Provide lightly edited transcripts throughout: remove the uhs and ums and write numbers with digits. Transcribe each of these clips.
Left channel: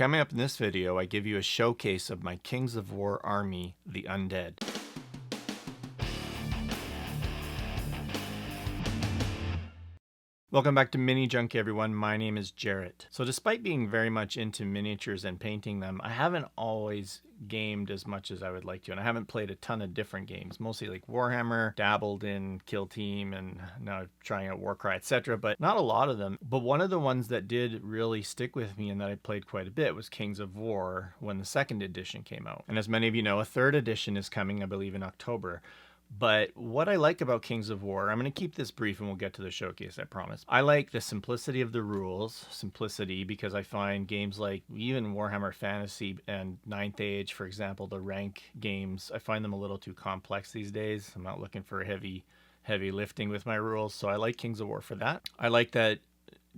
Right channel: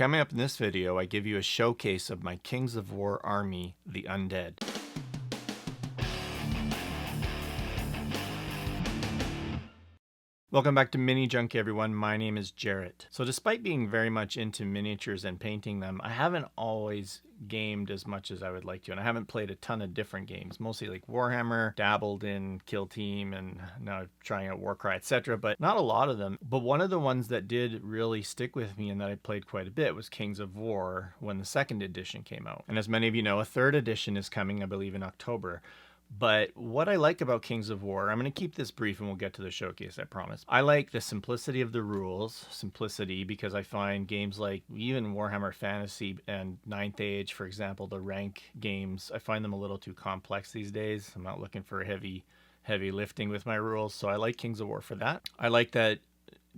Coming up in this video, I give you a showcase of my Kings of War army, the Undead. Welcome back to Mini Junkie, everyone. My name is Jarrett. So despite being very much into miniatures and painting them, I haven't always gamed as much as I would like to, and I haven't played a ton of different games, mostly like Warhammer, dabbled in Kill Team, and now trying out Warcry, etc., but not a lot of them. But one of the ones that did really stick with me and that I played quite a bit was Kings of War when the second edition came out. And as many of you know, a third edition is coming, I believe, in October. But what I like about Kings of War, I'm going to keep this brief and we'll get to the showcase, I promise. I like the simplicity of the rules, because I find games like even Warhammer Fantasy and 9th Age, for example, the rank games, I find them a little too complex these days. I'm not looking for heavy lifting with my rules, so I like Kings of War for that. I like that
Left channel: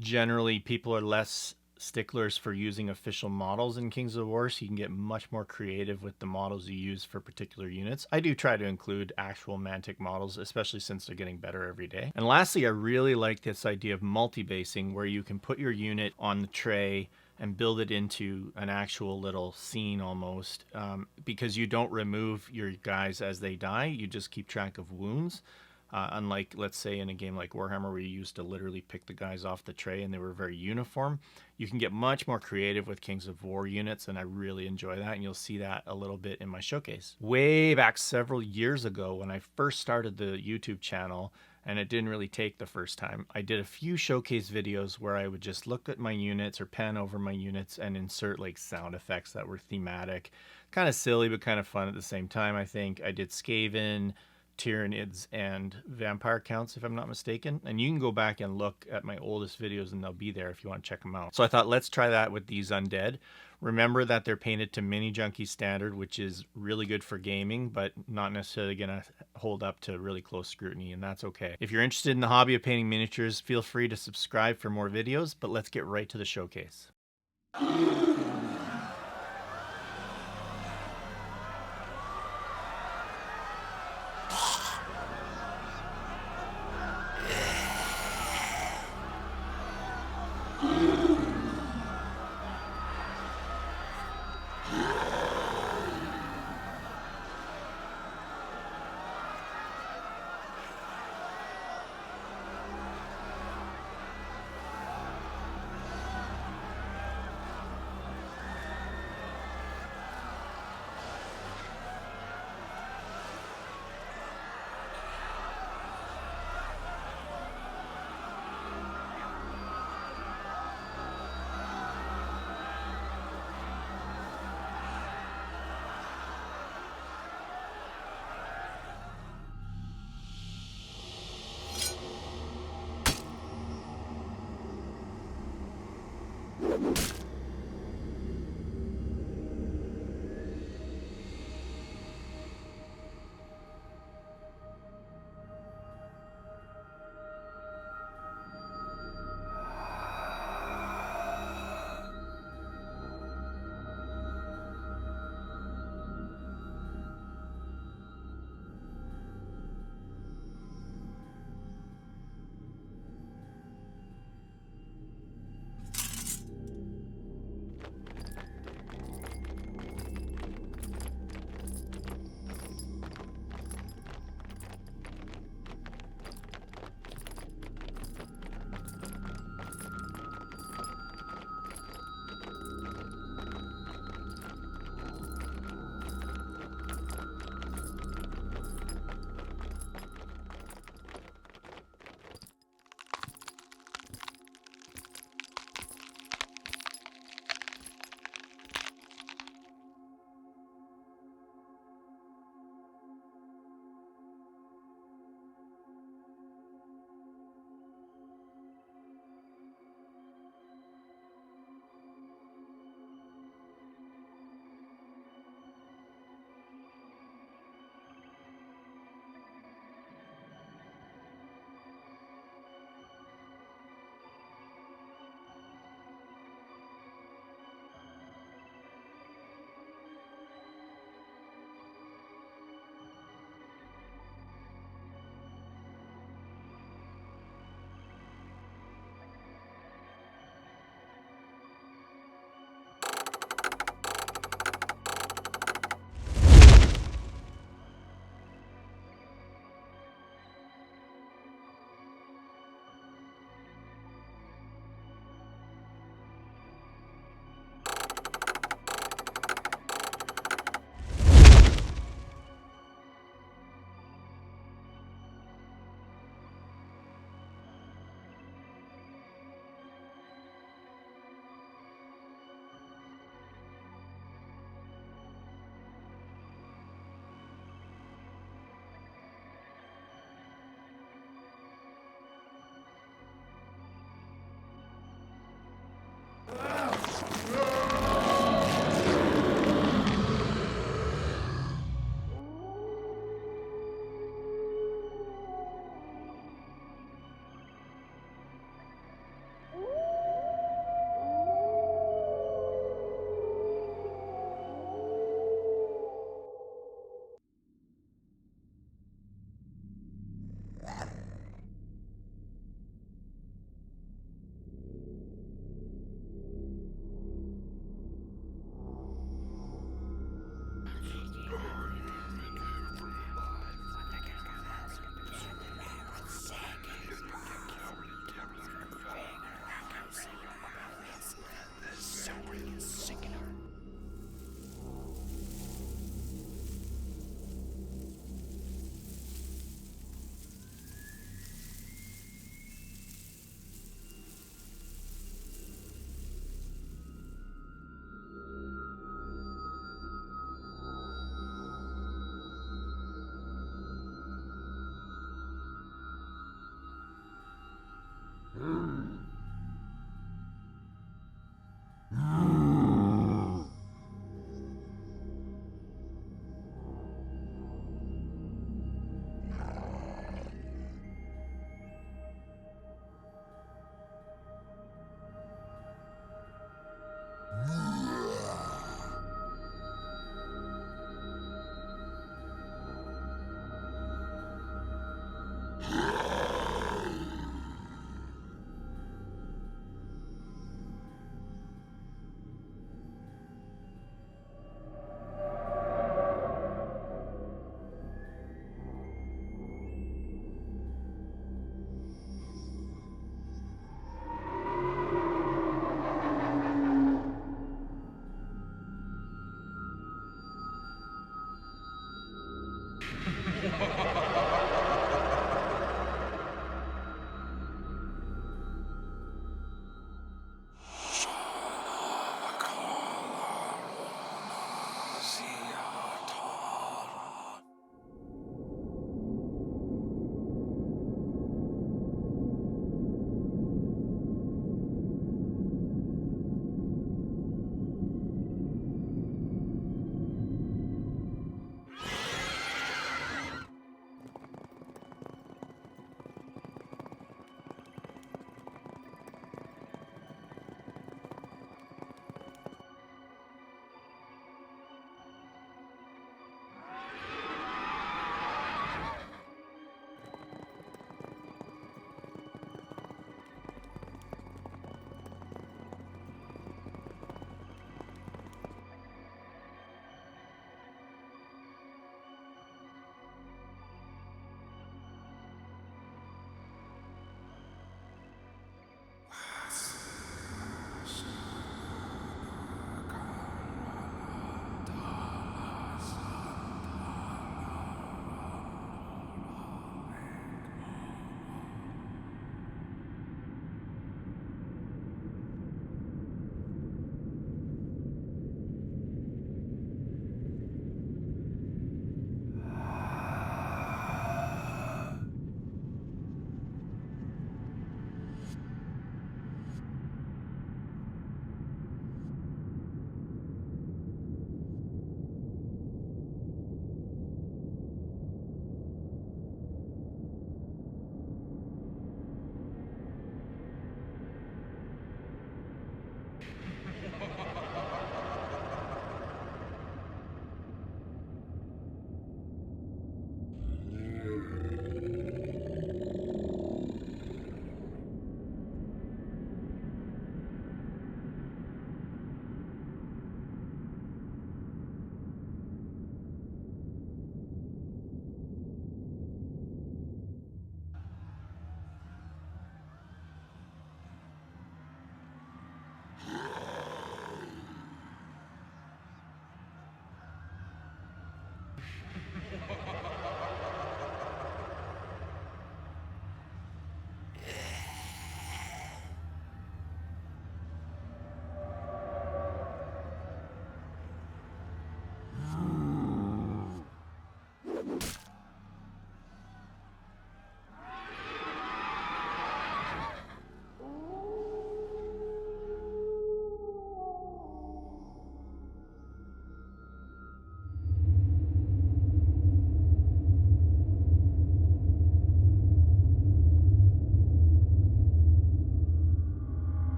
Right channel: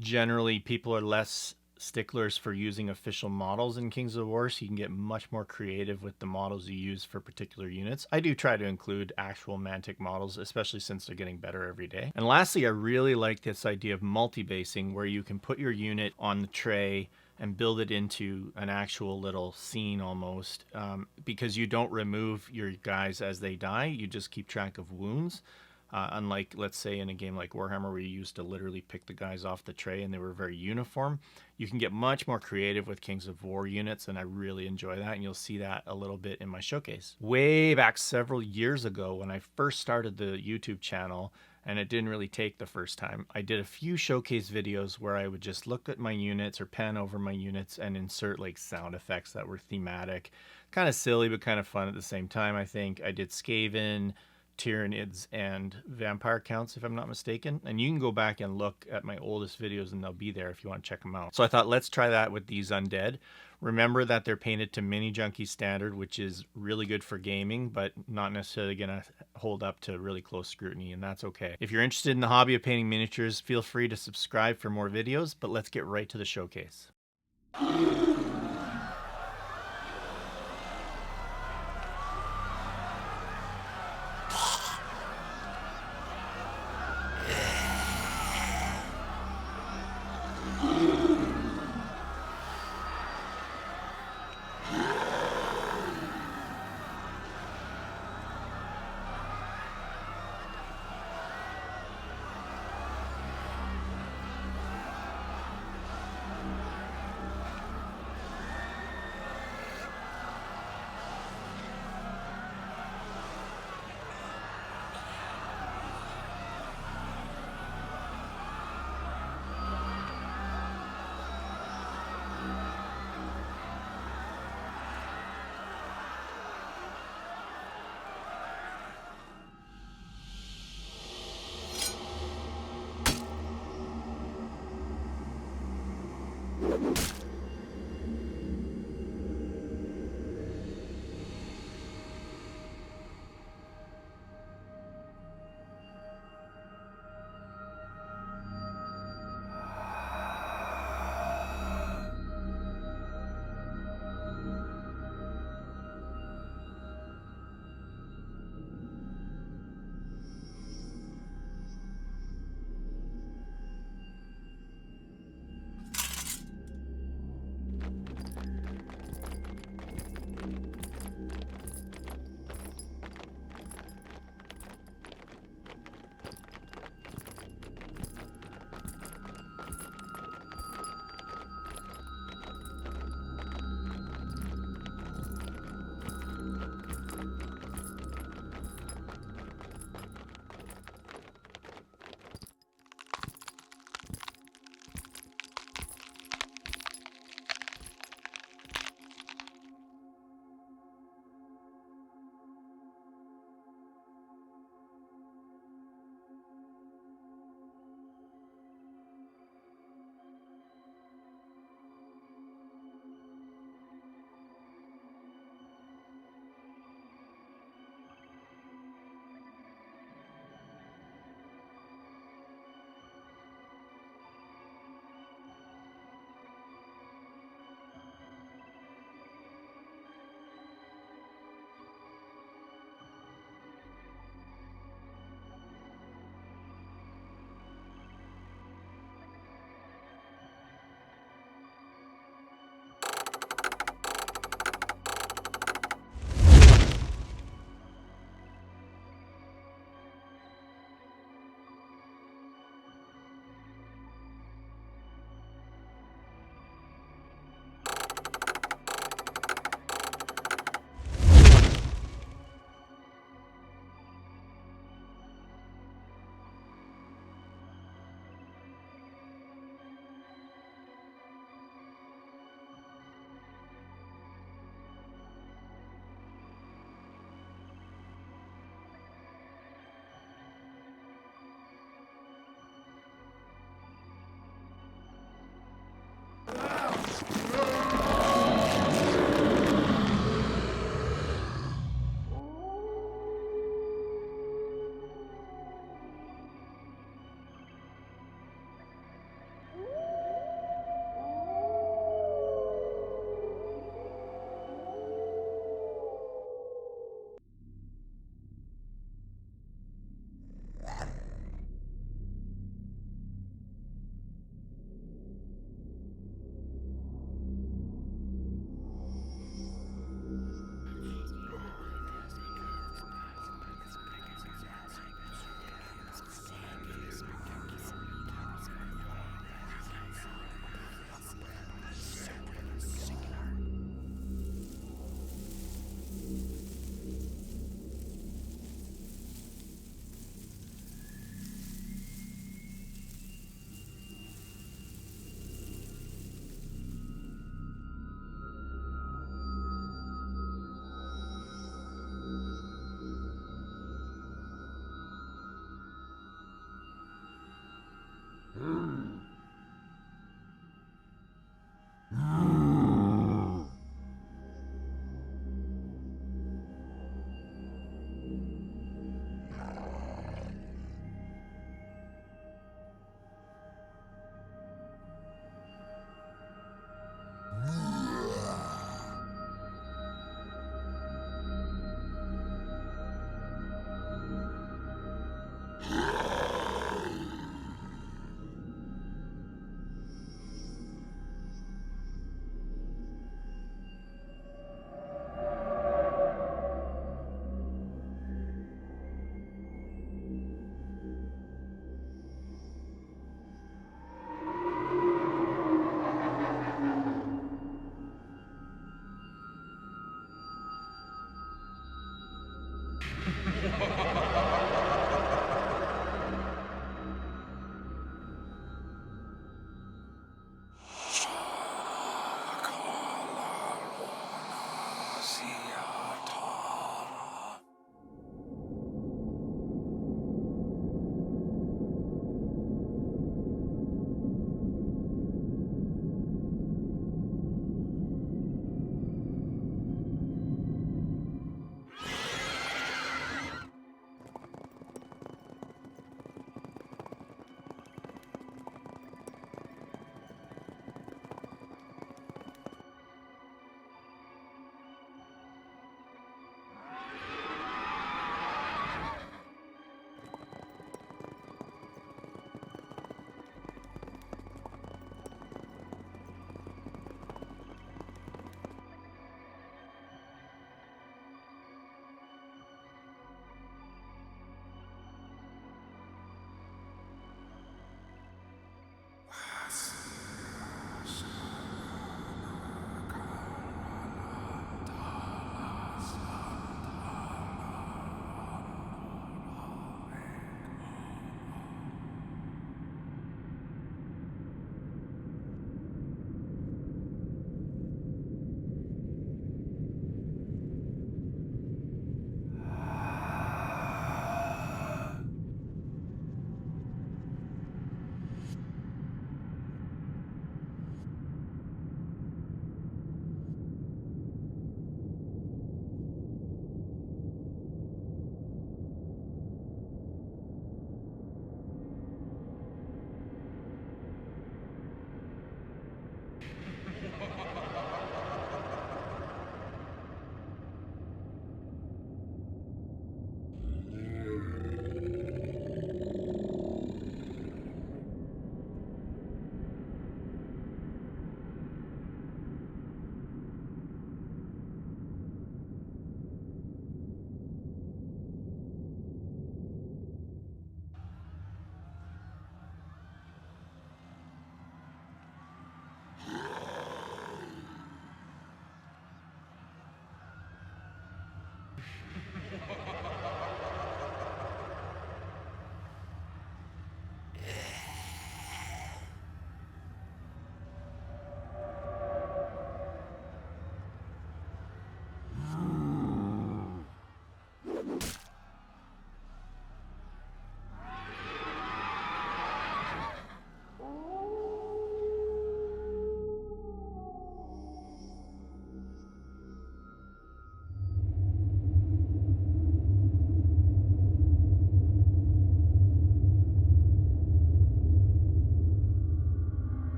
generally people are less sticklers for using official models in Kings of War, so you can get much more creative with the models you use for particular units. I do try to include actual Mantic models, especially since they're getting better every day. And lastly, I really like this idea of multi-basing, where you can put your unit on the tray and build it into an actual little scene almost, because you don't remove your guys as they die, you just keep track of wounds. Unlike, let's say, in a game like Warhammer, where you used to literally pick the guys off the tray and they were very uniform, you can get much more creative with Kings of War units, and I really enjoy that, and you'll see that a little bit in my showcase. Way back several years ago, when I first started the YouTube channel, and it didn't really take the first time, I did a few showcase videos where I would just look at my units or pan over my units and insert like sound effects that were thematic. Kind of silly, but kind of fun at the same time, I think. I did Skaven, Tyranids, and vampire counts, if I'm not mistaken, and you can go back and look at my oldest videos and they'll be there if you want to check them out. So I thought, let's try that with these Undead. Remember that they're painted to Mini Junkie standard, which is really good for gaming, but not necessarily gonna hold up to really close scrutiny, and that's okay. If you're interested in the hobby of painting miniatures, feel free to subscribe for more videos, but let's get right to the showcase.